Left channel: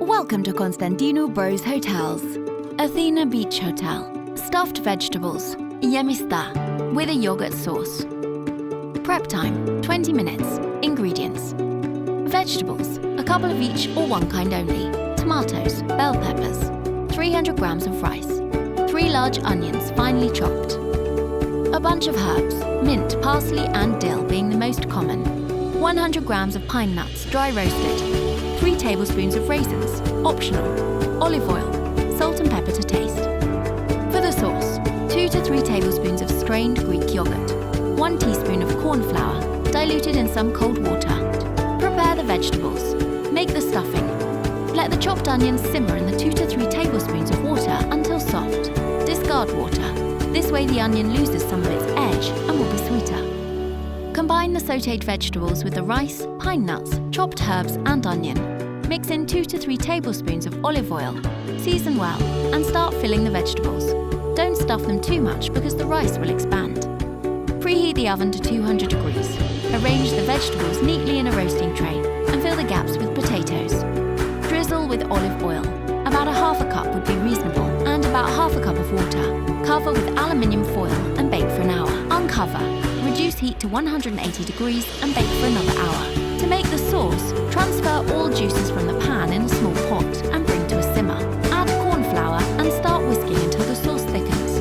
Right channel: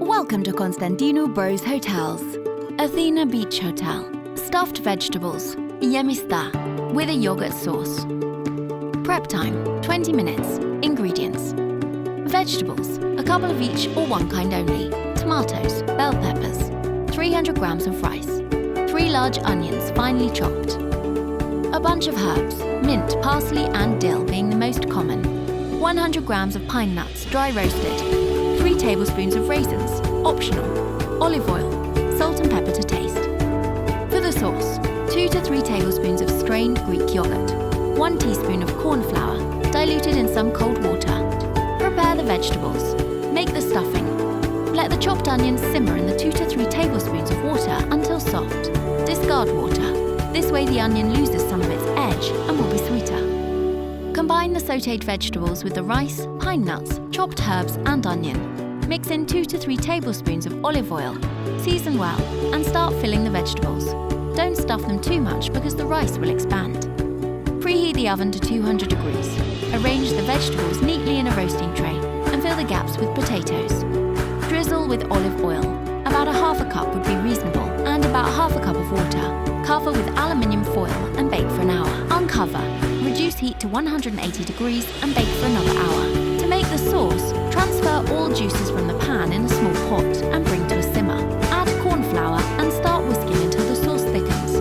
Welcome to Constantino Bros Hotels. Athena Beach Hotel. Stuffed vegetables, Gemista, with a yogurt sauce. Prep time, 20 minutes. Ingredients: vegetables, a couple of each or one kind only. Tomatoes, bell peppers, 300 grams of rice, 3 large onions finely chopped. A bunch of herbs, mint, parsley and dill being the most common. 100 grams of pine nuts, dry roasted. 3 tablespoons of raisins, optional. Olive oil, salt and pepper to taste. For the sauce, 2 to 3 tablespoons of strained Greek yogurt. 1 teaspoon of corn flour, diluted in some cold water. Prepare the vegetables. Make the stuffing. Let the chopped onions simmer in the 2 to 3 tablespoons of water until soft. Discard water. This way the onion loses some of its edge and will be sweeter. Combine the sautéed vegetables with the rice, pine nuts, chopped herbs and onion. Mix in 2 to 3 tablespoons of olive oil. Season well and start filling the vegetables. Don't stuff them too much because the rice will expand. Preheat the oven to 200 degrees. Arrange the vegetables neatly in a roasting tray and fill the gaps with potatoes. Drizzle with olive oil. About a half a cup would be reasonable, and about half a cup of water. Cover with aluminium foil and bake for an hour. Uncover. Reduce heat to 180 degrees and bake for another hour. To make the sauce, transfer all juices from the pan in a small pot and bring to a simmer. Add corn flour and start whisking until the sauce thickens.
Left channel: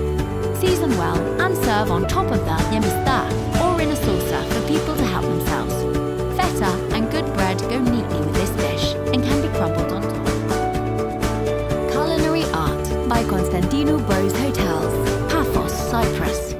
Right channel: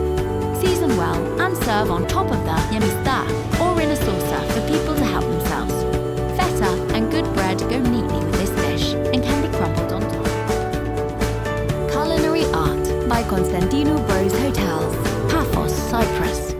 Season well and serve on top of the Gemista or in a saucer for people to help themselves. Feta and good bread go neatly with this dish and can be crumbled on top. Culinary Art by Constantino Bros Hotels, Paphos, Cyprus.